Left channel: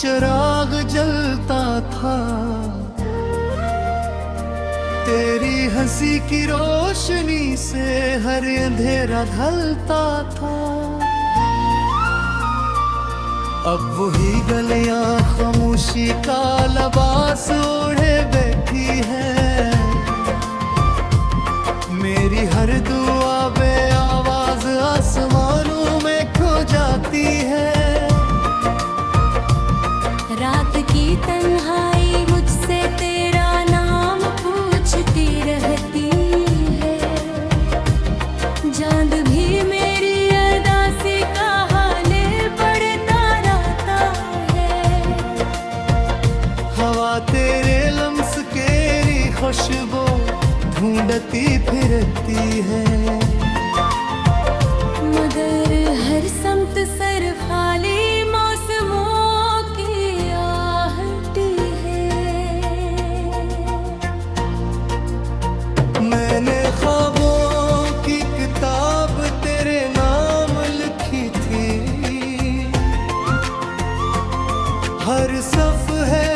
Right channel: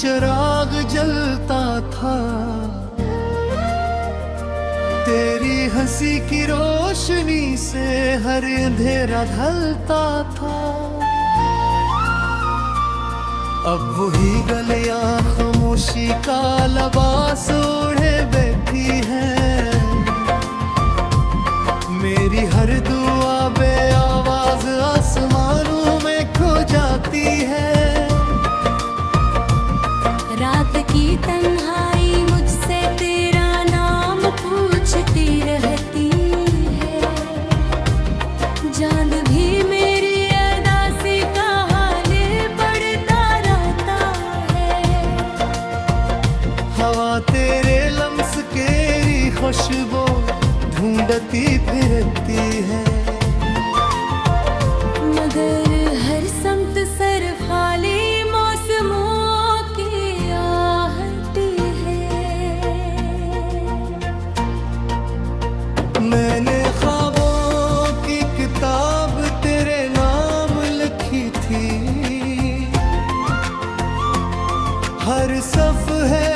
चिराग जलता था, तेरी हंसी की रोशनी से हर अंधेरा ढलता था। अब वही गलियां खामोशी का लिबास ओढ़े बैठी है, मेरी हर दुआ बे आवाज आसमानों में खो जाती है। रात की तन्हाई मुझसे तेरा नाम पूछती रहती है, चांद भी मेरी अदासी का हाले पढ़ता रहता है। हवा तेरे लम्स केरी खुशबू ढूंढती फिरती है, मगर हर समत सर खाली मौसमों की आहटी है। मैंने ख्वाबों की किताब तेरे नाम लिखी थी, हर सफ़हे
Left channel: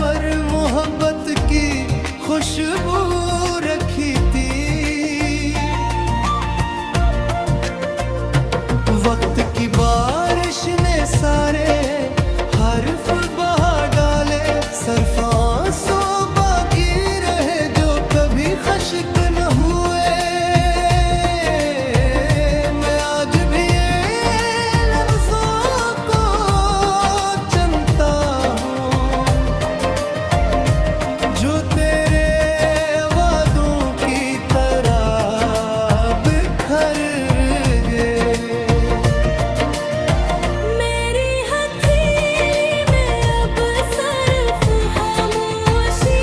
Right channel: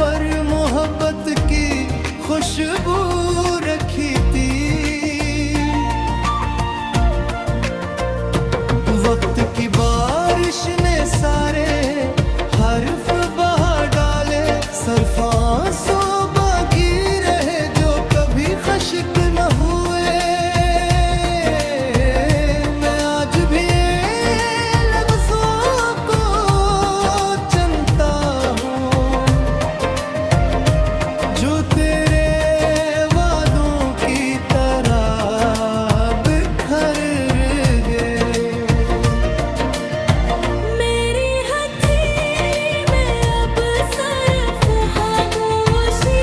पर मोहब्बत की खुशबू रखी थी। वक्त की बारिश ने सारे हर्फ बहा डाले, सरफांसो बागी रहे जो कभी खश्क न हुए। मैं आज भी लफ्जों को चुनता हूँ जो तेरे वादों की तरह बिखर गए। मेरी हथेली में अब सिर्फ खामोशी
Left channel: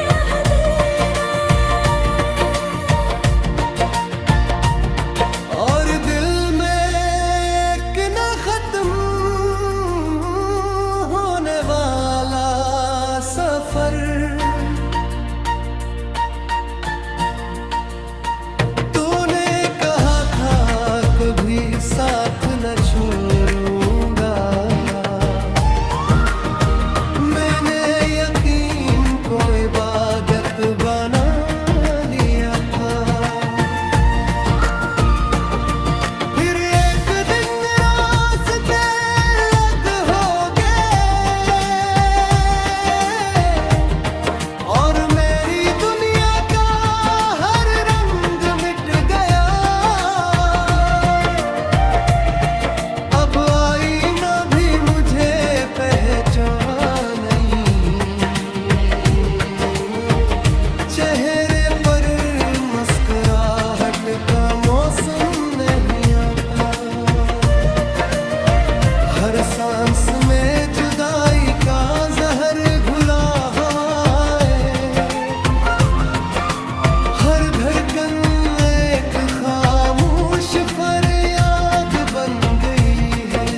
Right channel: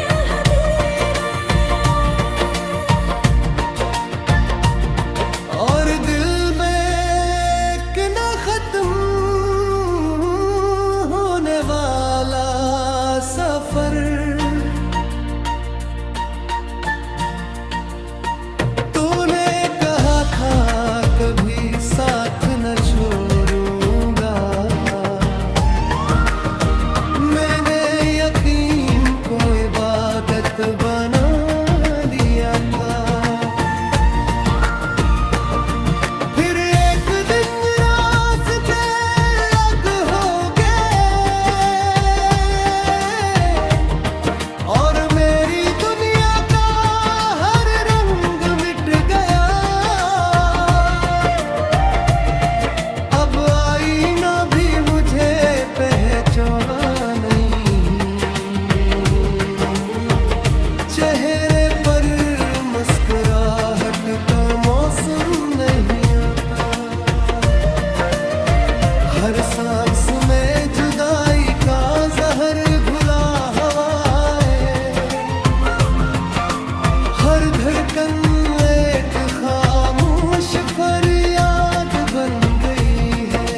रह गई और दिल में एक न खत्म होने वाला सफर। तूने कहा था कभी साथ न छोड़ूंगा, मैंने यकीन को इबादत बना लिया था। फिर एक दिन रास्ते अलग हो गए और मेरी दुनिया का हर रंग मिट गया। अब आईना भी मुझे पहचान नहीं, चेहरे पर मुस्कुराहट का मौसम नहीं आता। हर सांस में जुदाई का जहर घुला हवाएं, हर धड़कन एक खामोश फरियाद बन गई है।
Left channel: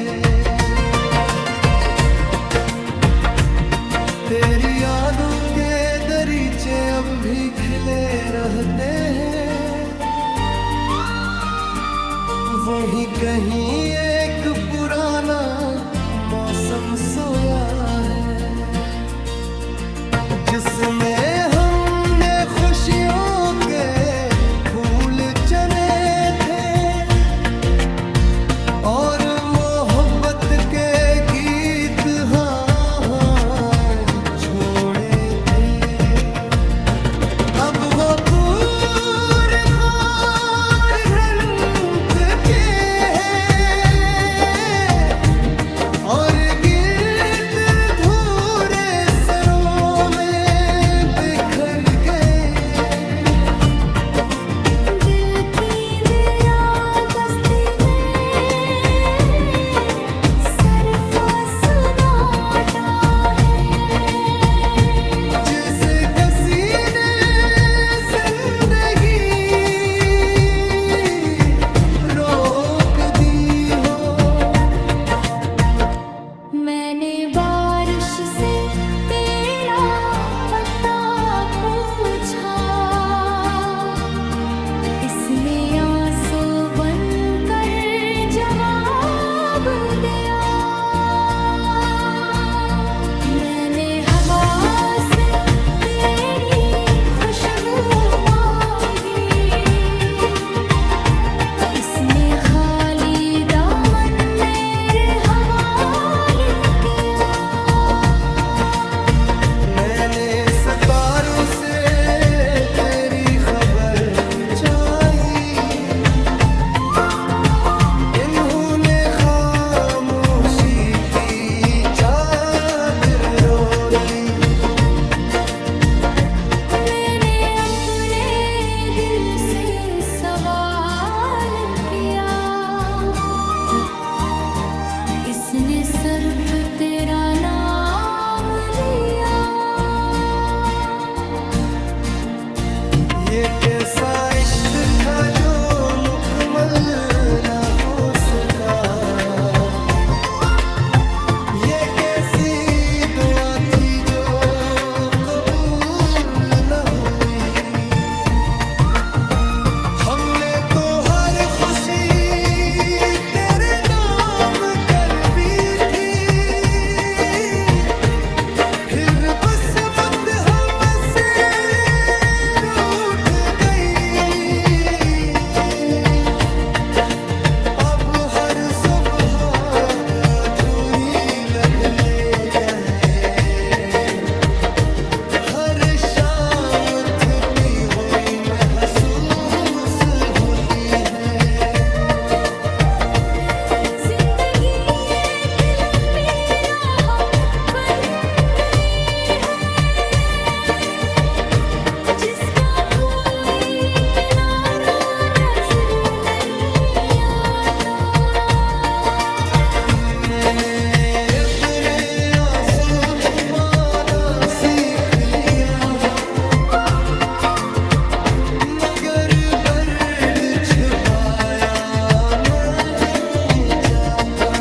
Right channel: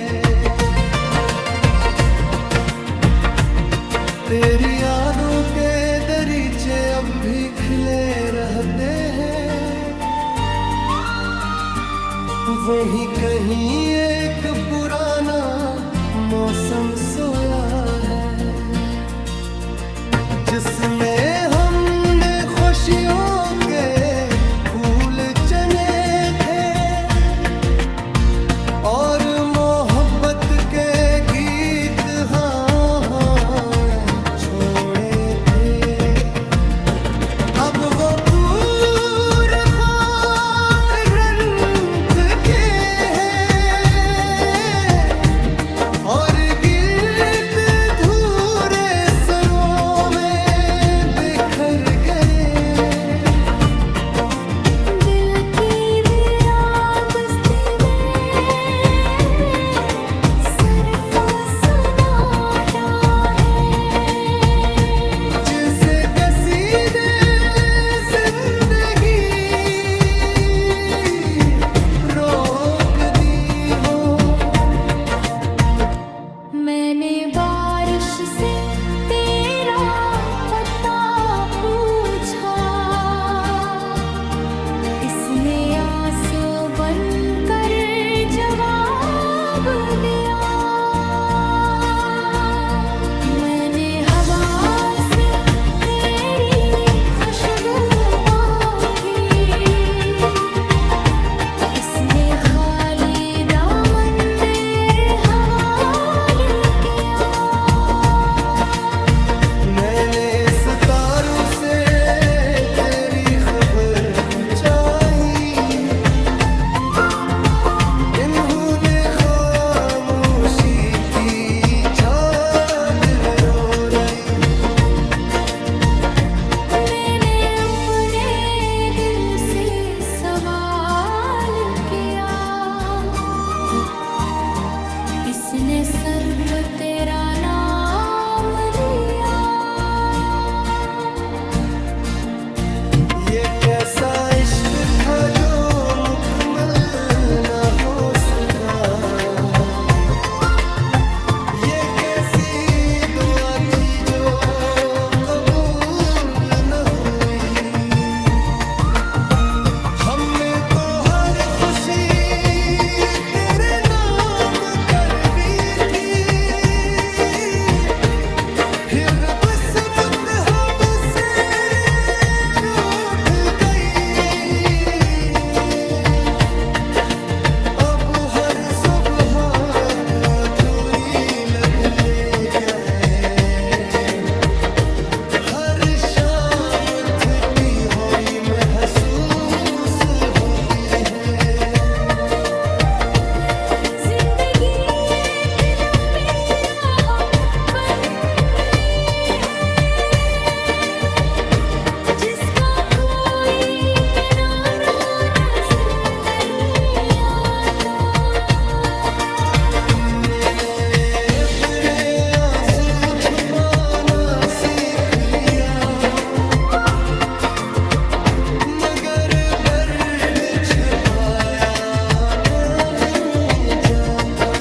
तेरी यादों के दरीचे अब भी खिले रहते हैं, वहीं कहीं एक पुराना मौसम सोया है, जिसमें हमने खुशियों के फूल चने थे और मोहब्बत के गीत छोड़े थे। अब वो पूरे खार रंग के हैं और गिरत धूरे सरों में बिखर गए। दिल की वीरान बस्ती में सरफा सुनाता है, जिसे कसी ने जिंदगी रोक दी हो। मैंने बारिश से तेरा पता पूछा, इसने आंसू बनकर जवाब दिया। यारों से तेरी खबर चाहिए, इन्होंने खामोशी की चादर ओढ़ ली। मैंने अपने दिल से सवाल किया, इसने सिर्फ तेरा नाम लिया। ये कैसा इश्क था जो मुकम्मल न हो सका, ये कैसी दुआ थी जो कबूल न हुई। हमने तो हर खुशी तेरे नाम कर दी थी, फिर बस मुझ हमसे रूठ गई। अब हर सुबह अधूरी लगने गए, हर शाम थकी हुई महसूस होती है। जिंदगी एक लंबी राह बन गई है, जिसका कोई किनारा नजर नहीं आता। मैंने अपने आंसू छुपाना सीख लिया, मगर दर्द छुपाया नहीं जाता।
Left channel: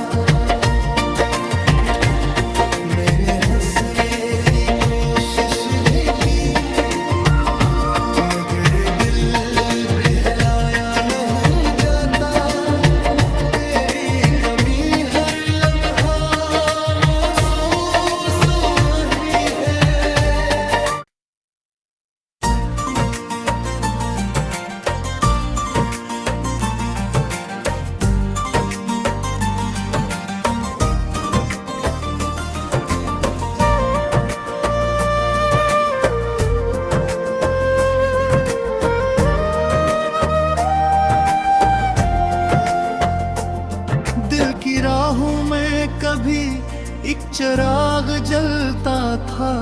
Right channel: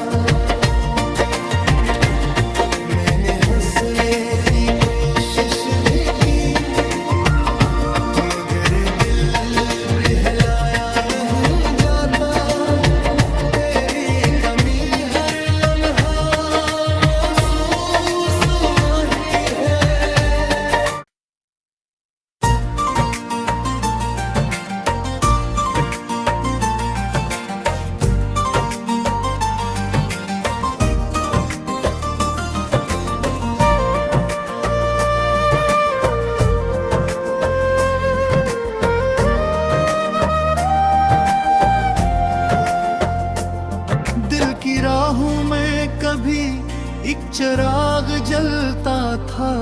मैंने हंसने की कोशिश भी की, मगर दिल बहलाया नहीं जाता। तेरी कमी हर लम्हा महसूस वही है। दिल की राहों में कभी एक चिराग जलता था,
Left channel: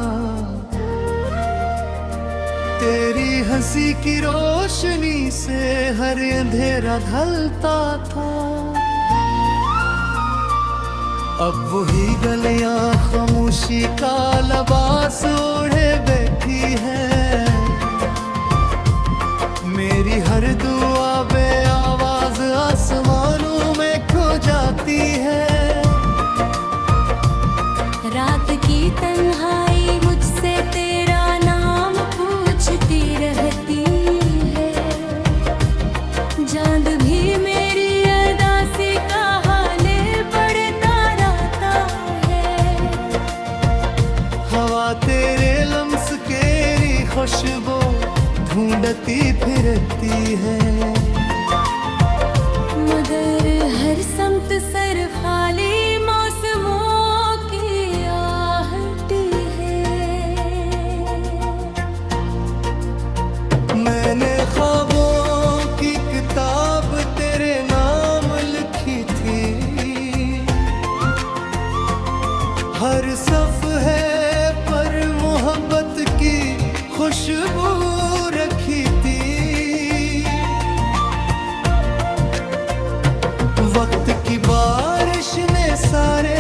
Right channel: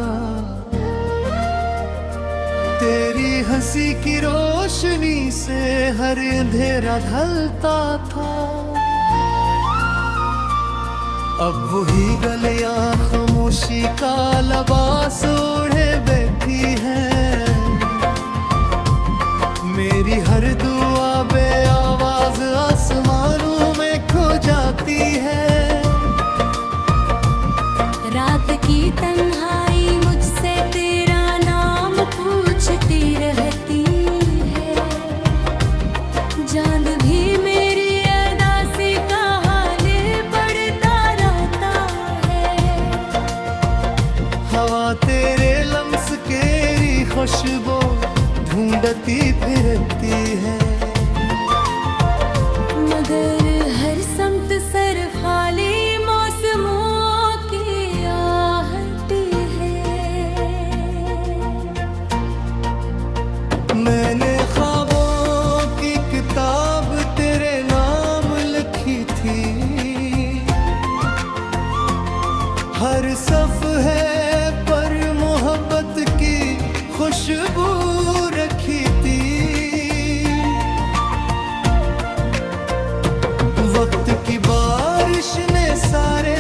तेरी हंसी की रोशनी से हर अंधेरा ढलता था। अब वही गलियां खामोशी का लिबास ओढ़े बैठी है, मेरी हर दुआ बे आवाज आसमानों में खो जाती है। रात की तन्हाई मुझसे तेरा नाम पूछती रहती है, चांद भी मेरी अदासी का हाल पढ़ता रहता है। हवा तेरे लम्स केरी खुशबू ढूंढती फिरती है, मगर हर समत सर खाली मौसमों की आहटी है। मैंने ख्वाबों की किताब तेरे नाम लिखी थी, हर सफ़हे पर मोहब्बत की खुशबू रखी थी। वक्त की बारिश ने सारे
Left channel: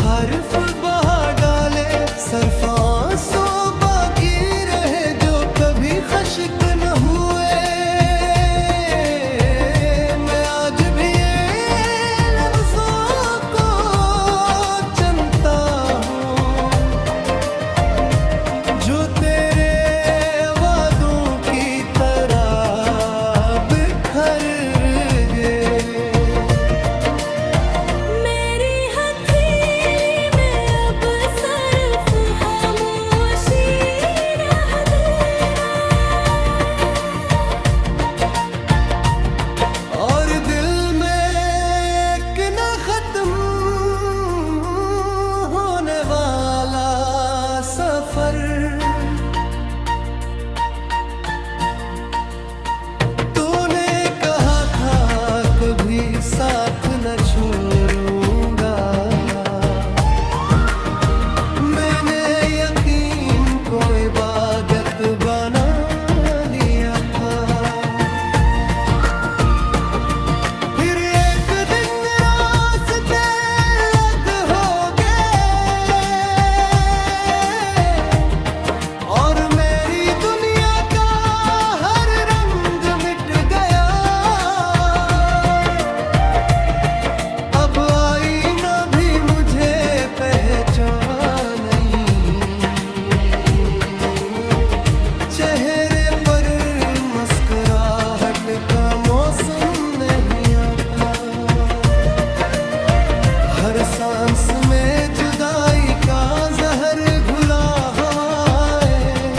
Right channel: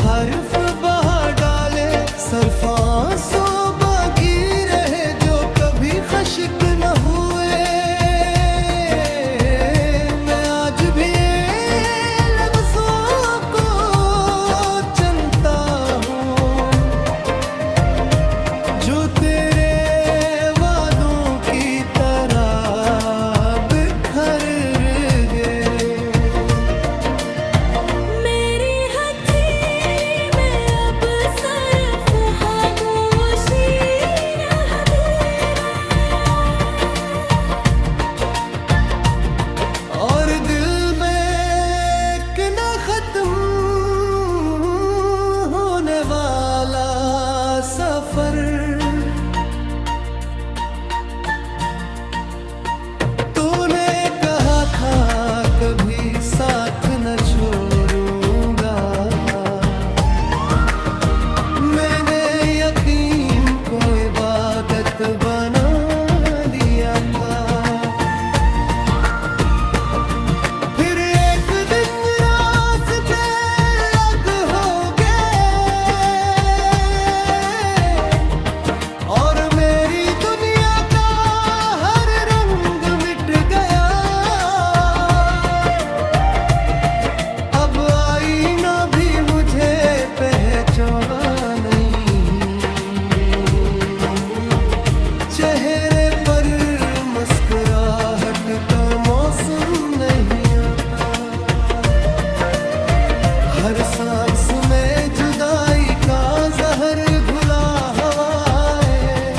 हर्फ बहा डाले, सिर्फ आंसू बाकी रहे जो कभी खश्क न हुए। मैं आज भी ये लफ्ज़ों को चुनता हूँ जो तेरे वादों की तरह बिखर गए। मेरी हथेली में अब सिर्फ खामोशी रह गई, और दिल में एक न खत्म होने वाला सफर। भी साथ न छोड़ूंगा। मैंने यकीन को इबादत बना लिया था। फिर एक दिन रास्ते अलग हो गए और मेरी दुनिया का हर रंग मिट गया। अब आईना भी मुझे पहचान नहीं, चेहरे पर मुस्कुराहट का मौसम नहीं आता। हर सांस में जुदाई का जहर घुला हवाएं,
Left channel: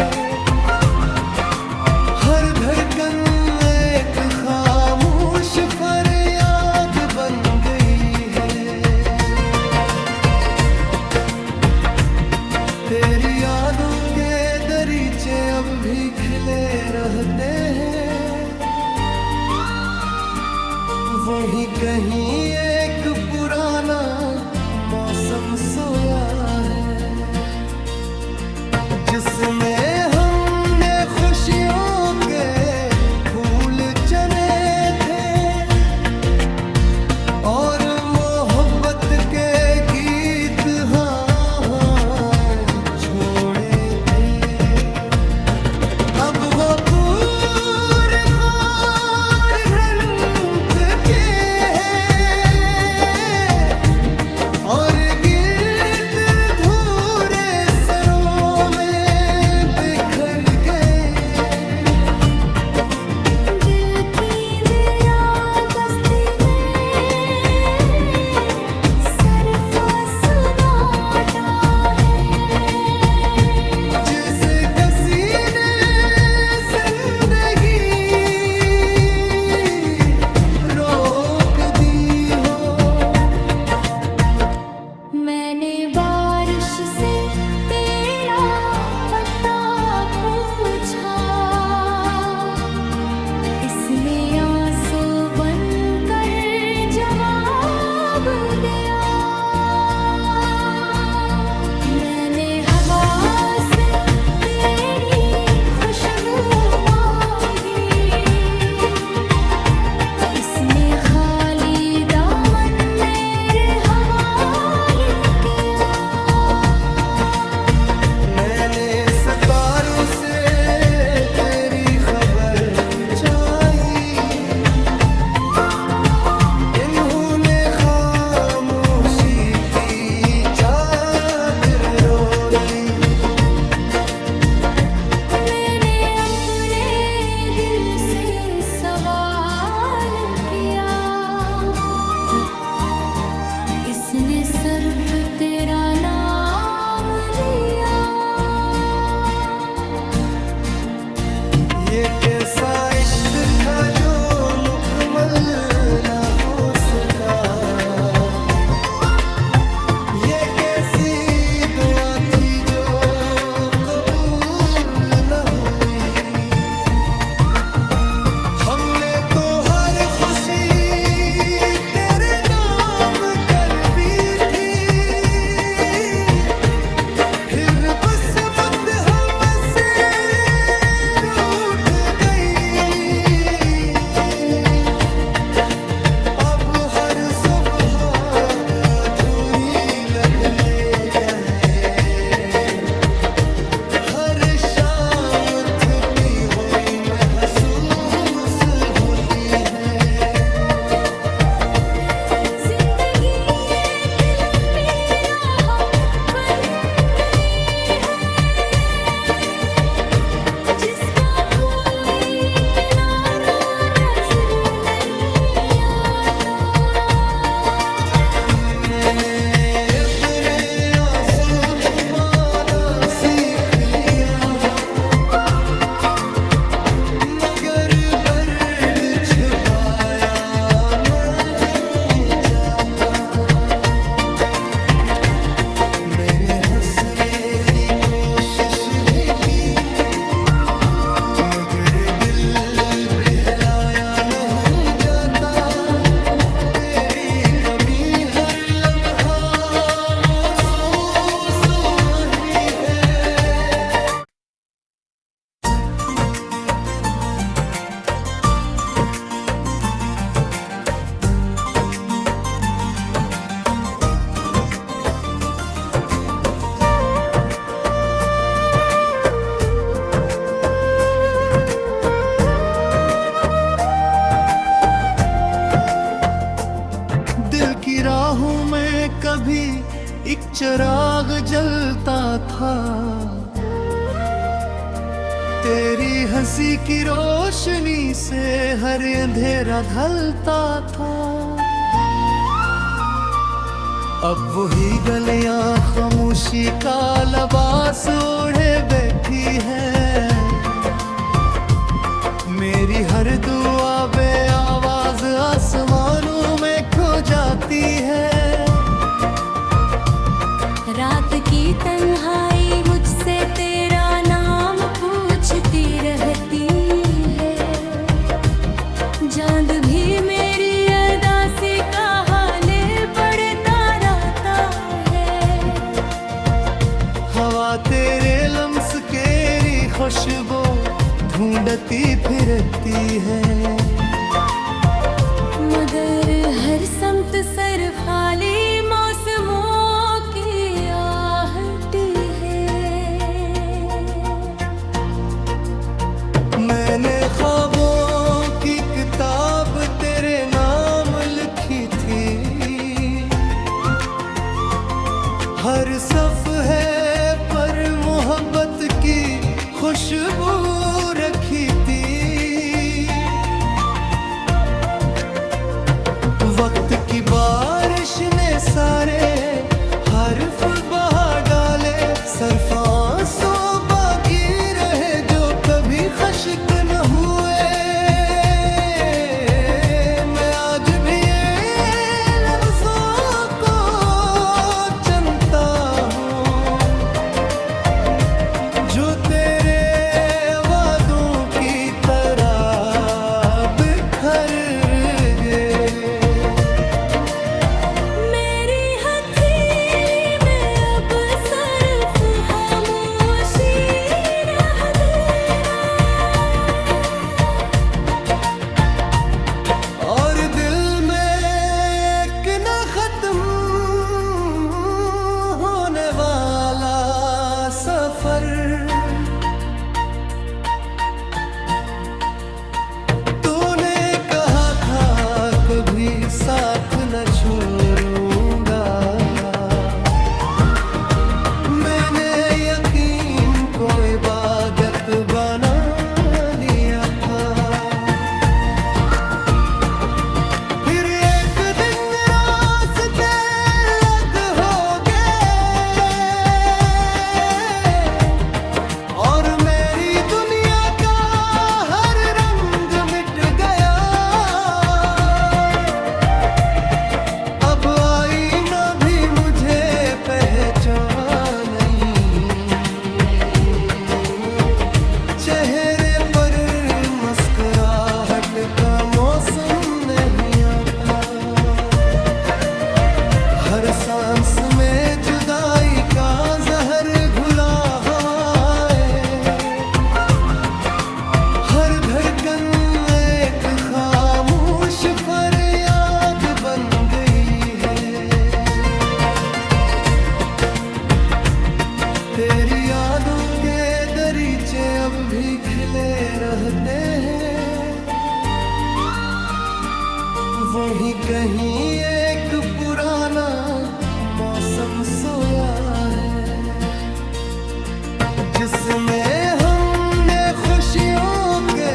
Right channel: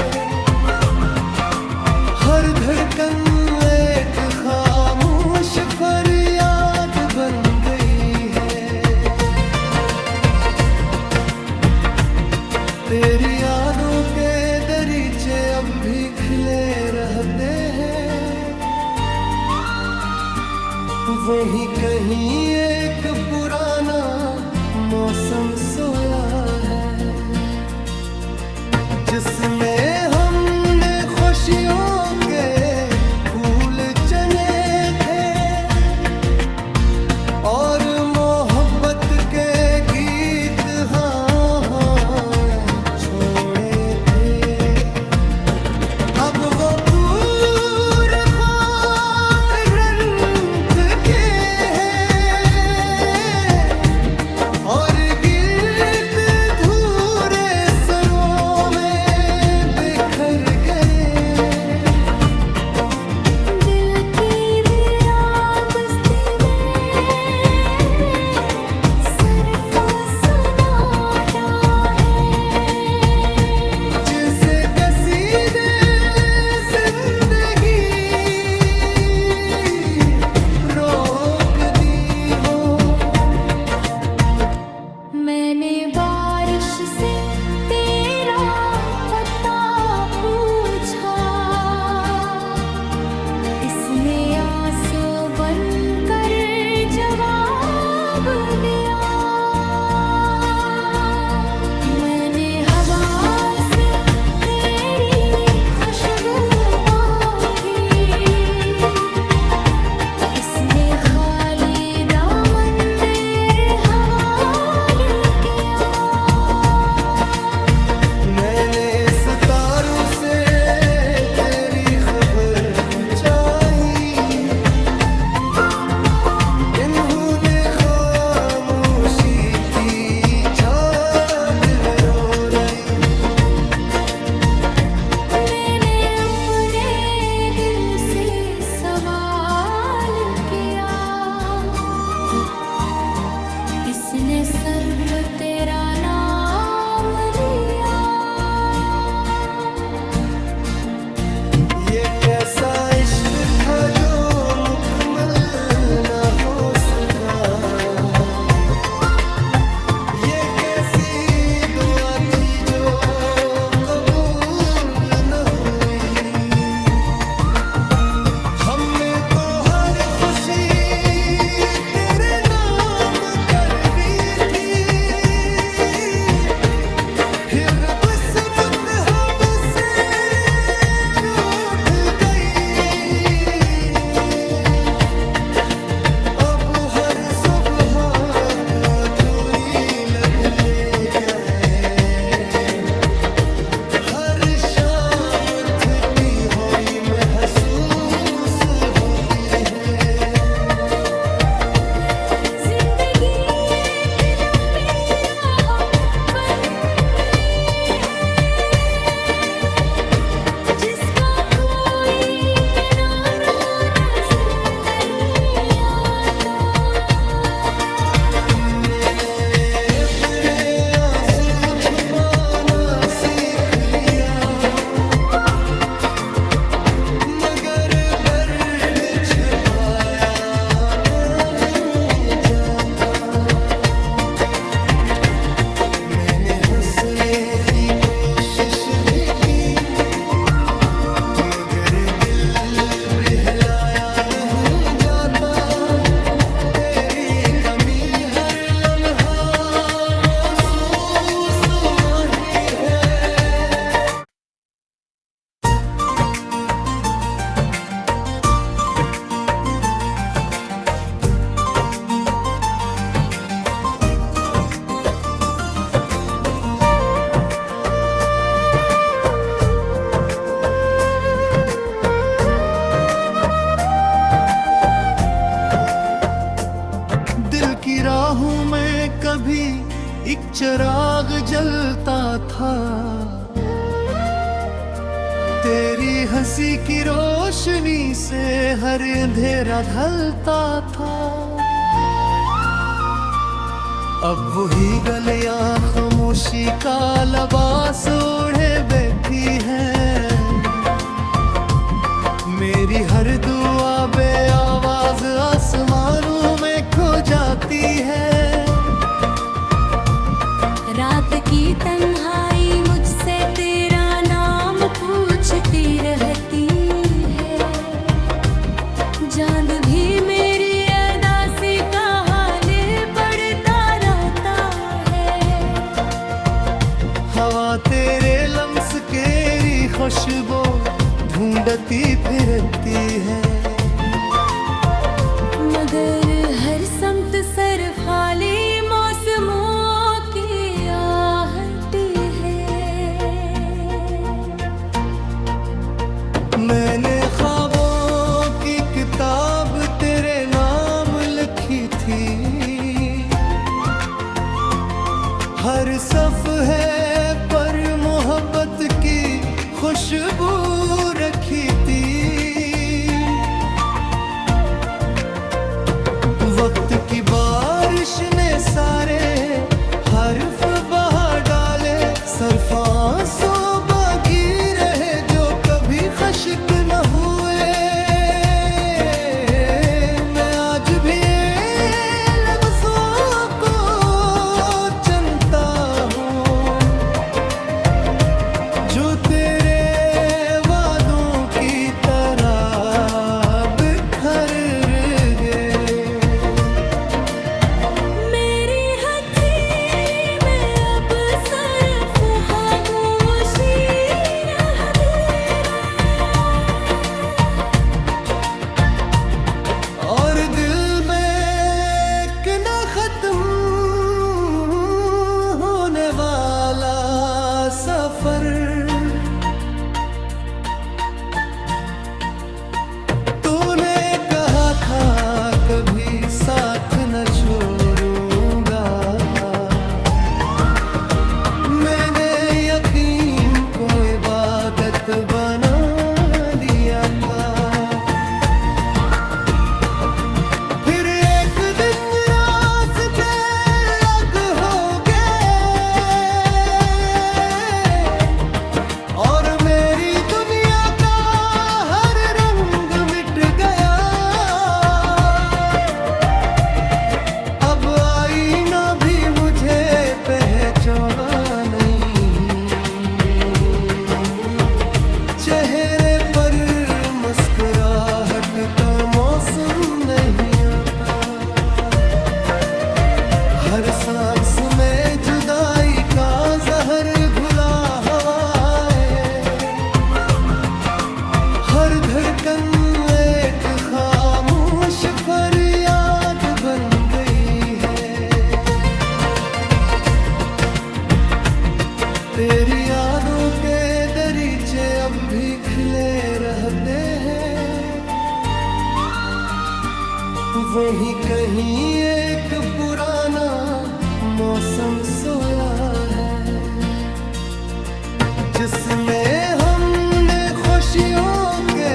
हर धड़कन एक खामोश फरियाद बन गई है। तेरी यादों के दरीचे अब भी खिले रहते हैं। वहीं कहीं एक पुराना मौसम सोया है, जिसमें हमने खुशियों के फूल चने थे और मोहब्बत के गीत छोड़े थे। अब वो पूरे खार रंग के हैं और गिर्द धूरे सरों में बिखर गए। दिल की वीरान बस्ती में सरफा सुनाटा है, जिसे किसी ने जिंदगी रोक दी हो। मैंने बारिश से तेरा पता पूछा, इसने आंसू बनकर जवाब दिया। मैंने हवा से तेरी खुशबू मांगी, इसने खाली दामन मेरे हवाले किया। मैंने सितारों से तेरी खबर चाही, इन्होंने खामोशी की चादर ओढ़ी। मैंने अपने दिल से सवाल किया, इसने सिर्फ तेरा नाम लिया। ये कैसा इश्क था जो मुकम्मल न हो सका। ये कैसी दुआ थी जो कबूल न हुई। हमने तो हर खुशी तेरे नाम कर दी थी, फिर बस मत हमसे रूठ गई। अब हर सुबह अधूरी लगने गए, हर शाम थकी हुई महसूस होती है। जिंदगी एक लंबी राह बन गई है, जिसका कोई किनारा नजर नहीं आता। मैंने अपने आंसू छुपाना सीख लिया, मगर दर्द छुपाया नहीं जाता। मैंने हंसने की कोशिश भी की, मगर दिल बहलाया नहीं जाता। चिराग जलता था, तेरी हंसी की रोशनी से हर अंधेरा ढलता था। अब वही गलियां खामोशी का लिबास ओढ़े बैठी है, मेरी हर दुआ बे आवाज आसमानों में खो जाती है। रात की तन्हाई मुझसे तेरा नाम पूछती रहती है, चांद भी मेरी अदासी का हाले पढ़ता रहता है। हवा तेरे लम्स केरी खुशबू ढूंढती फिरती है, मगर हर समत सर खाली मौसमों की आहट है। मैंने ख्वाबों की किताब तेरे नाम लिखी थी, हर सफ़हे पर मोहब्बत की खुशबू रखी थी। वक्त की बारिश ने सारे हर्फ बहा डाले, सिर्फ आंसू बाकी रहे जो कभी खश्क न हुए। मैं आज भी लफ्जों को चुनता हूँ जो तेरे वादों की तरह बिखर गए। मेरी हथेली में अब सिर्फ खामोशी रह गई और दिल में एक न खत्म होने वाला सफर। तूने कहा था कभी साथ न छोड़ूंगा, मैंने यकीन को इबादत बना लिया था। फिर एक दिन रास्ते अलग हो गए और मेरी दुनिया का हर रंग मिट गया। अब आईना भी मुझे पहचान नहीं, चेहरे पर मुस्कुराहट का मौसम नहीं आता। हर सांस में जुदाई का जहर घुला हवाएं, हर धड़कन एक खामोश फरियाद बन गई है। तेरी यादों के दरीचे अब भी खिले रहते हैं, वहीं कहीं एक पुराना मौसम सोया है, जिसमें हमने खुशियों के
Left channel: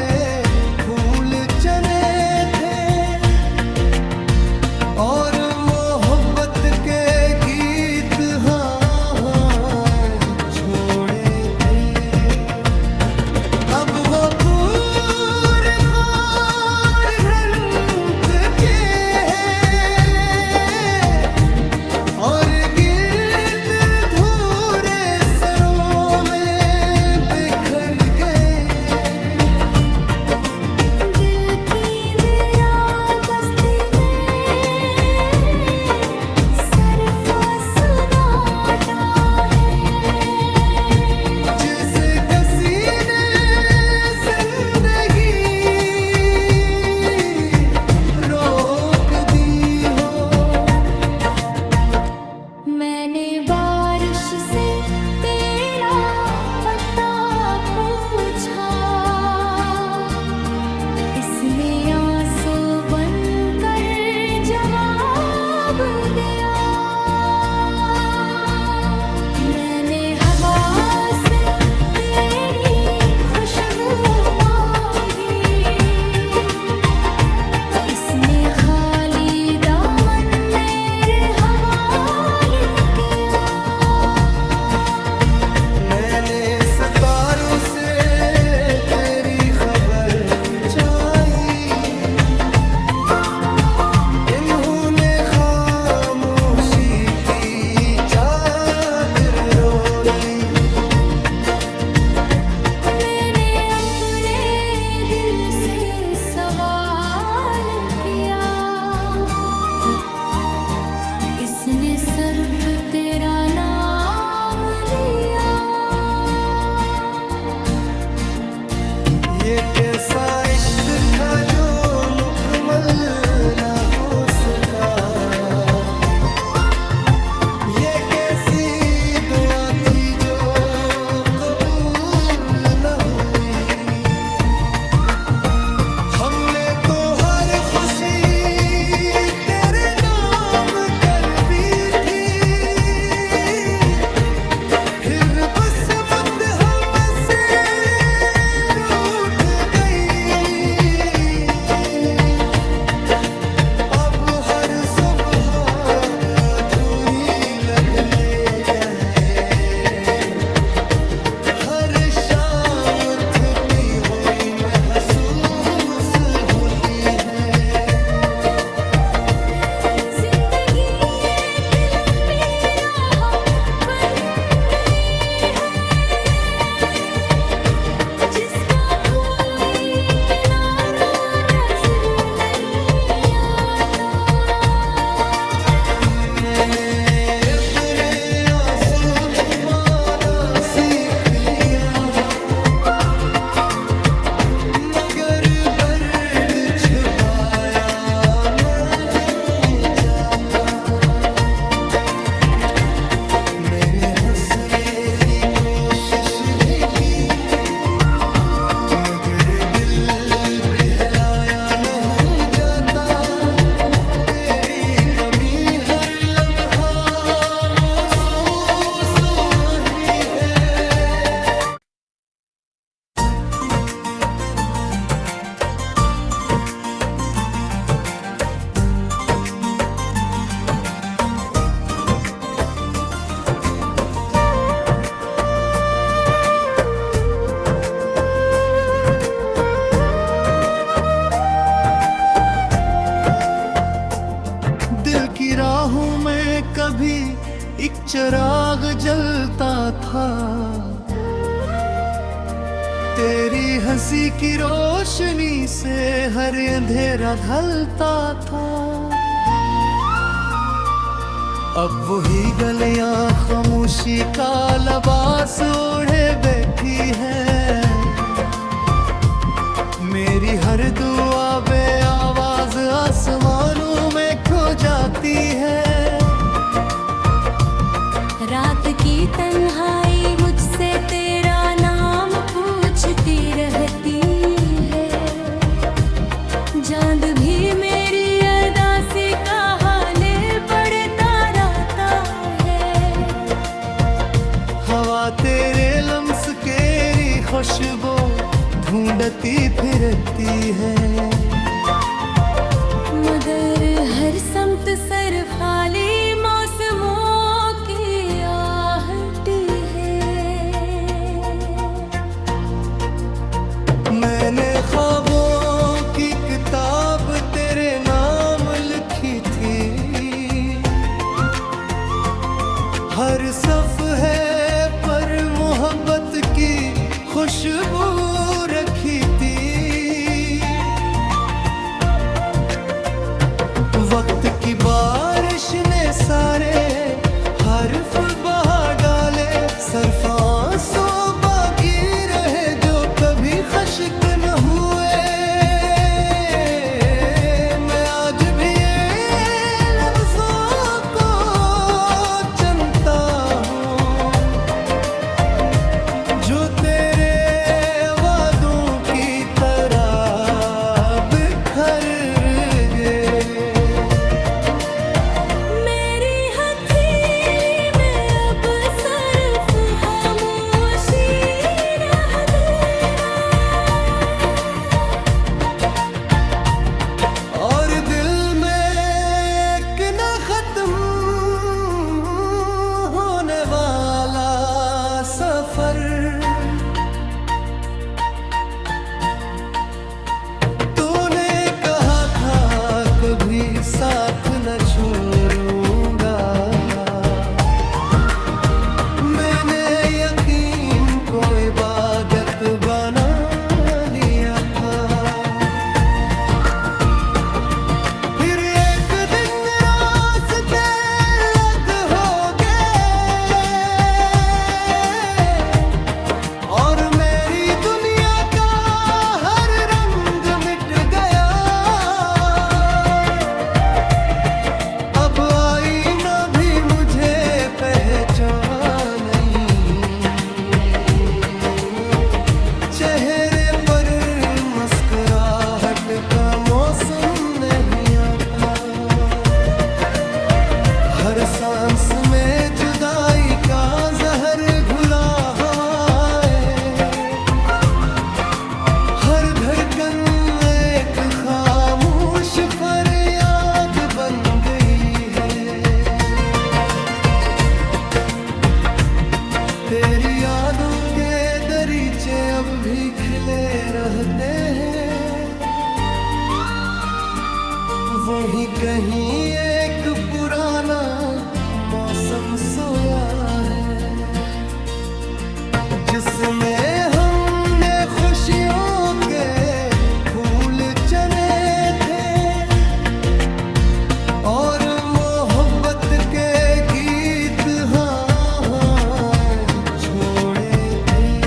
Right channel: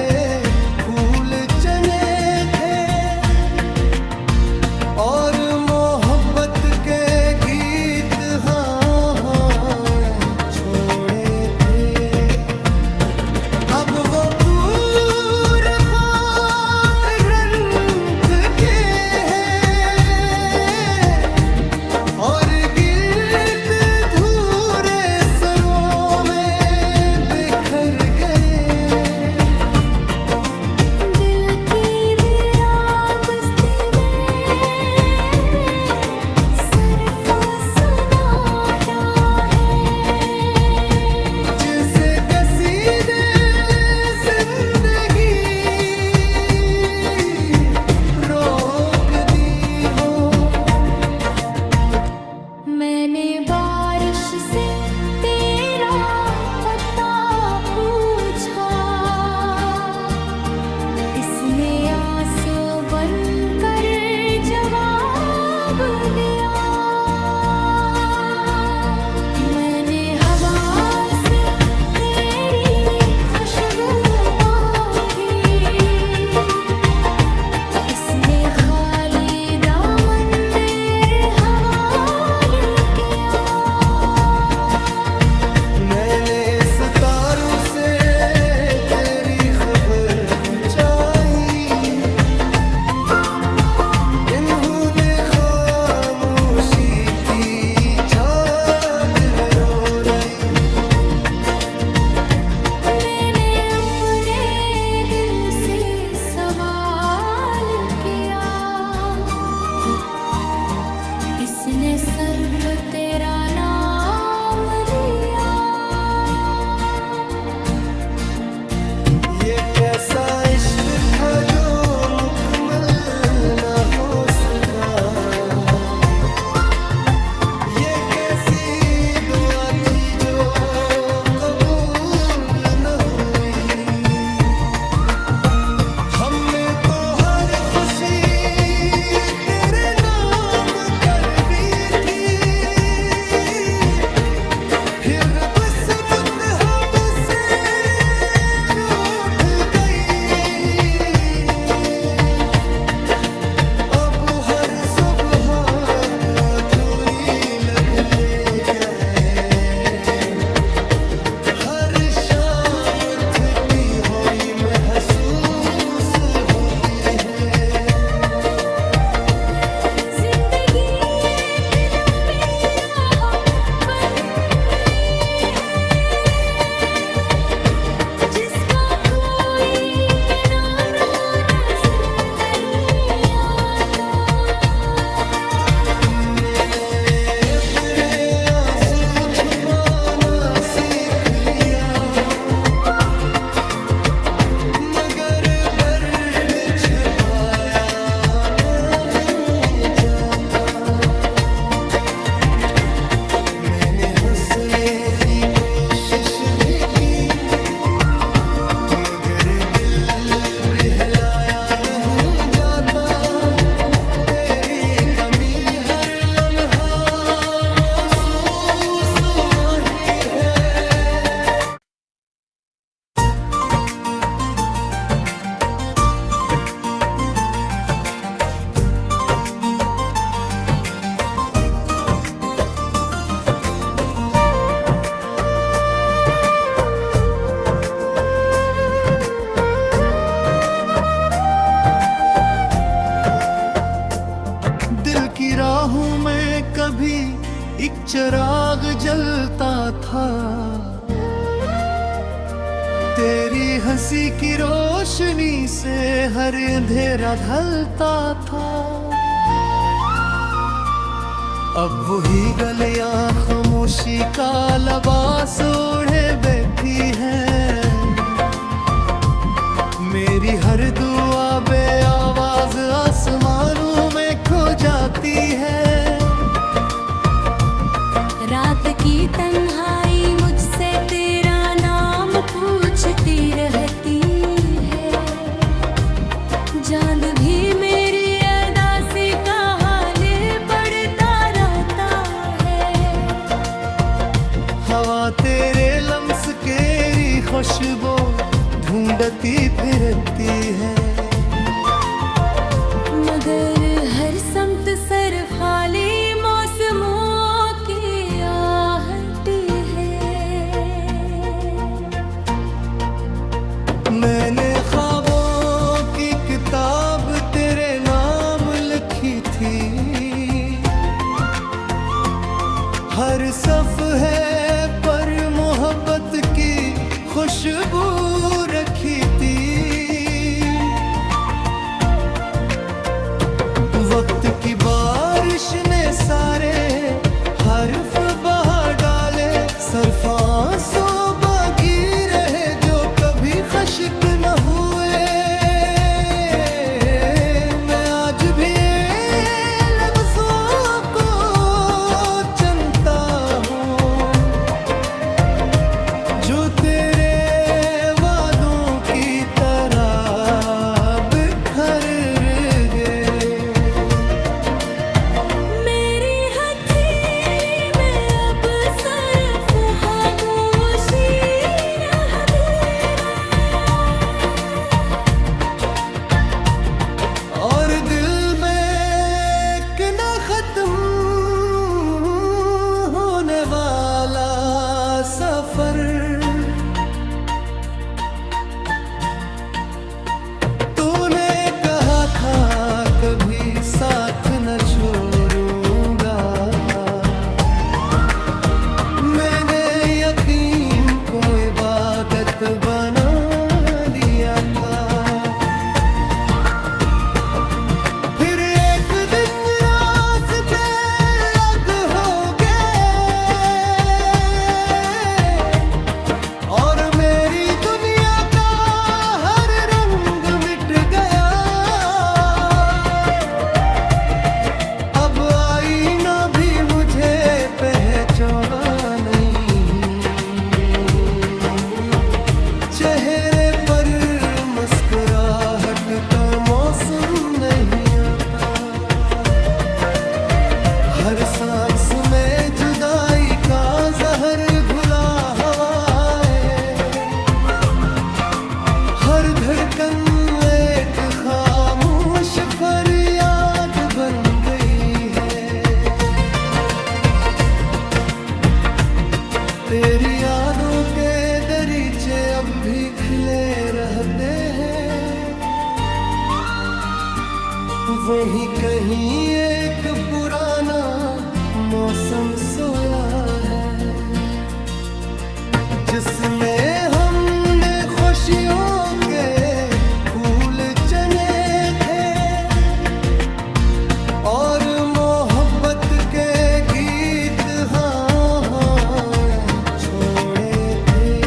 फूल चने थे और मोहब्बत के गीत छोड़े थे। अब वो पूरे खार रंग के हैं और गिरत धूरे सरों में बिखर गए। दिल की वीरान बस्ती में सरफा सुनाता है, जिसे किसी ने जिंदगी रोक दी हो। मैंने बारिश से तेरा पता पूछा, इसने आंसू बनकर जवाब दिया। जिसने सर्फ तेरा नाम लिया। ये कैसा इश्क था जो मुकम्मल न हो सका, ये कैसी दुआ थी जो कबूल न हुई। हमने तो हर खुशी तेरे नाम कर दी थी, फिर बस मुत हमसे रूठ गई। अब हर सुबह अधूरी लगने गए, हर शाम थकी हुई महसूस होती है। जिंदगी एक लंबी राह बन गई है, जिसका कोई किनारा नजर नहीं आता। मैंने अपने आंसू छुपाना सीख लिया, मगर दर्द छुपाया नहीं जाता। मैंने हंसने की कोशिश भी की, मगर दिल बहलाया नहीं जाता। तेरी कमी हर लम्हा महसूस वही है। दिल की राहों में कभी एक चिराग जलता था, तेरी हंसी की रोशनी से हर अंधेरा ढलता था। अब वही गलियां खामोशी का लिबास ओढ़े बैठी है, मेरी हर दुआ बे आवाज आसमानों में खो जाती है। रात की तन्हाई मुझसे तेरा नाम पूछती रहती है, चांद भी मेरी अदासी का हाल पढ़ता रहता है। हवा तेरे लम्स केरी खुशबू ढूंढती फिरती है, मगर हर समत सर खाली मौसमों की आहट है। मैंने ख्वाबों की किताब तेरे नाम लिखी थी, हर सफ़हे पर मोहब्बत की खुशबू रखी थी। वक्त की बारिश ने सारे हर्फ बहा डाले, सिर्फ आंसू बाकी रहे जो कभी खश्क न हुए। मैं आज भी लफ्जों को चुनता हूँ जो तेरे वादों की तरह बिखर गए। मेरी हथेली में अब सिर्फ खामोशी रह गई, और दिल में एक न खत्म होने वाला सफर। तूने कहा था कभी साथ न छोड़ूंगा, मैंने यकीन को इबादत बना लिया था। फिर एक दिन रास्ते चेहरे पर मुस्कुराहट का मौसम नहीं आता, हर सांस में जुदाई का जहर घुला हवाएं, हर धड़कन एक खामोश फरियाद बन गई है। तेरी यादों के दरीचे अब भी खिले रहते हैं, वहीं कहीं एक पुराना मौसम सोया है, जिसमें हमने खुशियों के फूल चने थे और मोहब्बत के गीत छोड़े थे।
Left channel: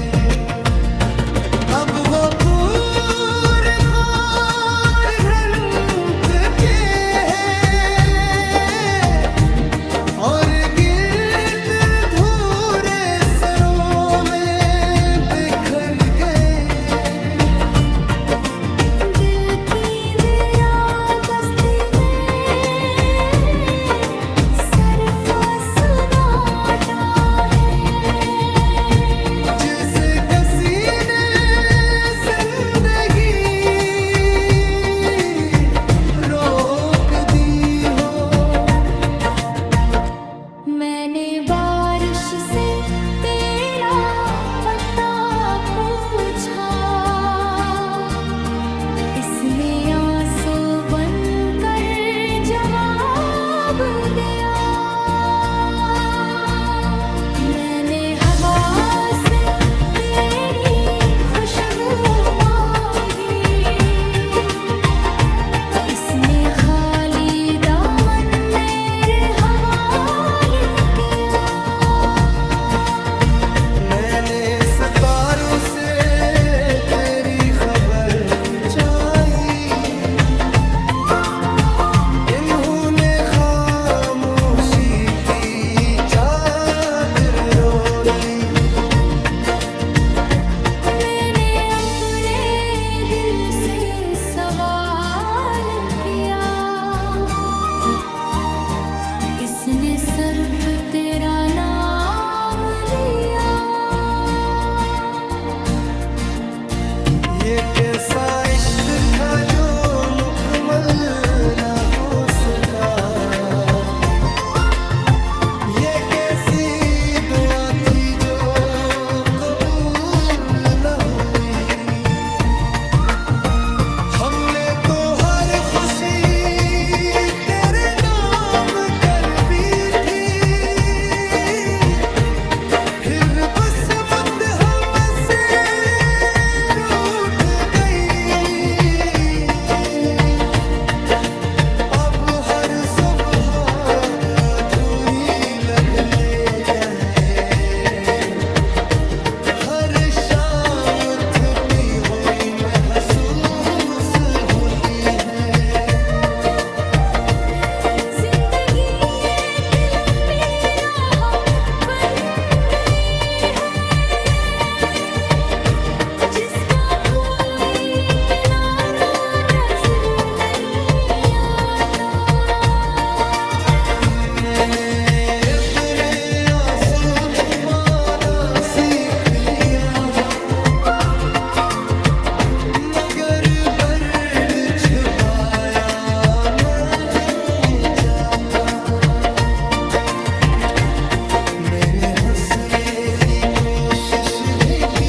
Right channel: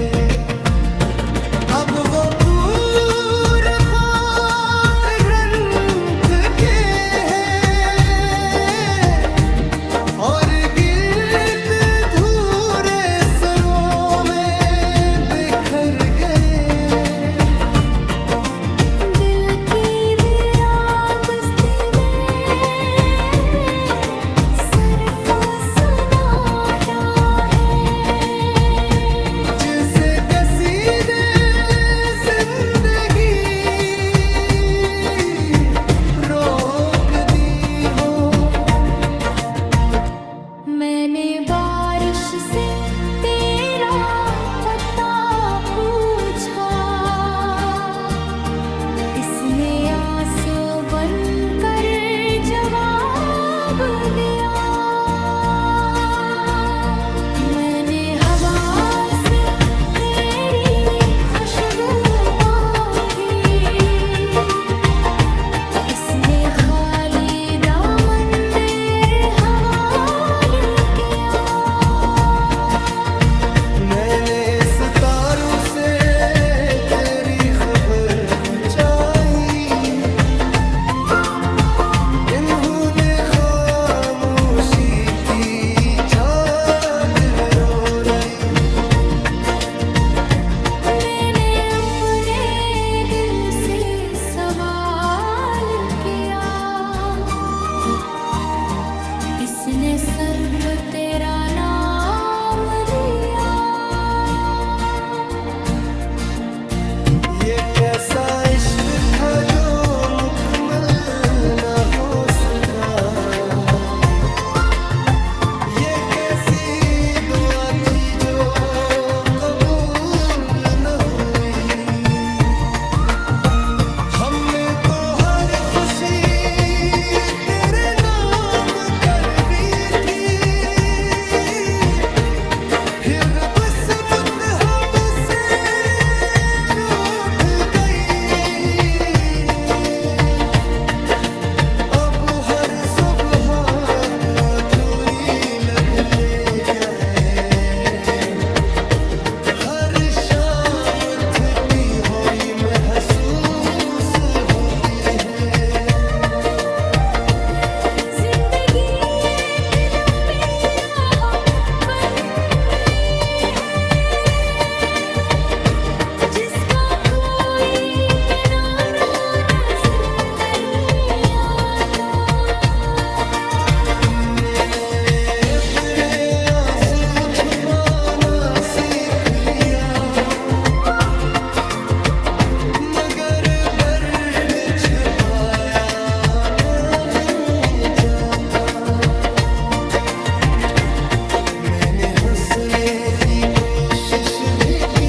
अब वो पूरे खार रंग के हैं और गिरत धूरे सरों में बिखर गए। दिल की वीरान बस्ती में सरफा सुनाता है, जिसे किसी ने जिंदगी रोक दी हो। मैंने बारिश से तेरा पता पूछा, इसने आंसू बनकर जवाब दिया। मैंने हवा से तेरी खुशबू मांगी, इसने खाली दामन मेरे हवाले किया। मैंने सितारों से तेरी खबर चाही, इन्होंने खामोशी की चादर ओढ़ी। मैंने अपने दिल से सवाल किया, इसने सिर्फ तेरा नाम लिया। ये कैसा इश्क था जो मुकम्मल न हो सका, ये कैसी दुआ थी जो कबूल न हुई। हमने तो हर खुशी तेरे नाम कर दी थी, फिर बस मुद्दे हमसे रूठ गई। अब हर सुबह अधूरी लगने गए, हर शाम थकी हुई महसूस होती है। जिंदगी एक लंबी राह बन गई है, जिसका कोई किनारा नजर नहीं आता। मैंने अपने आंसू छुपाना सीख लिया, मगर दर्द छुपाया नहीं जाता। मैंने हंसने की कोशिश भी की,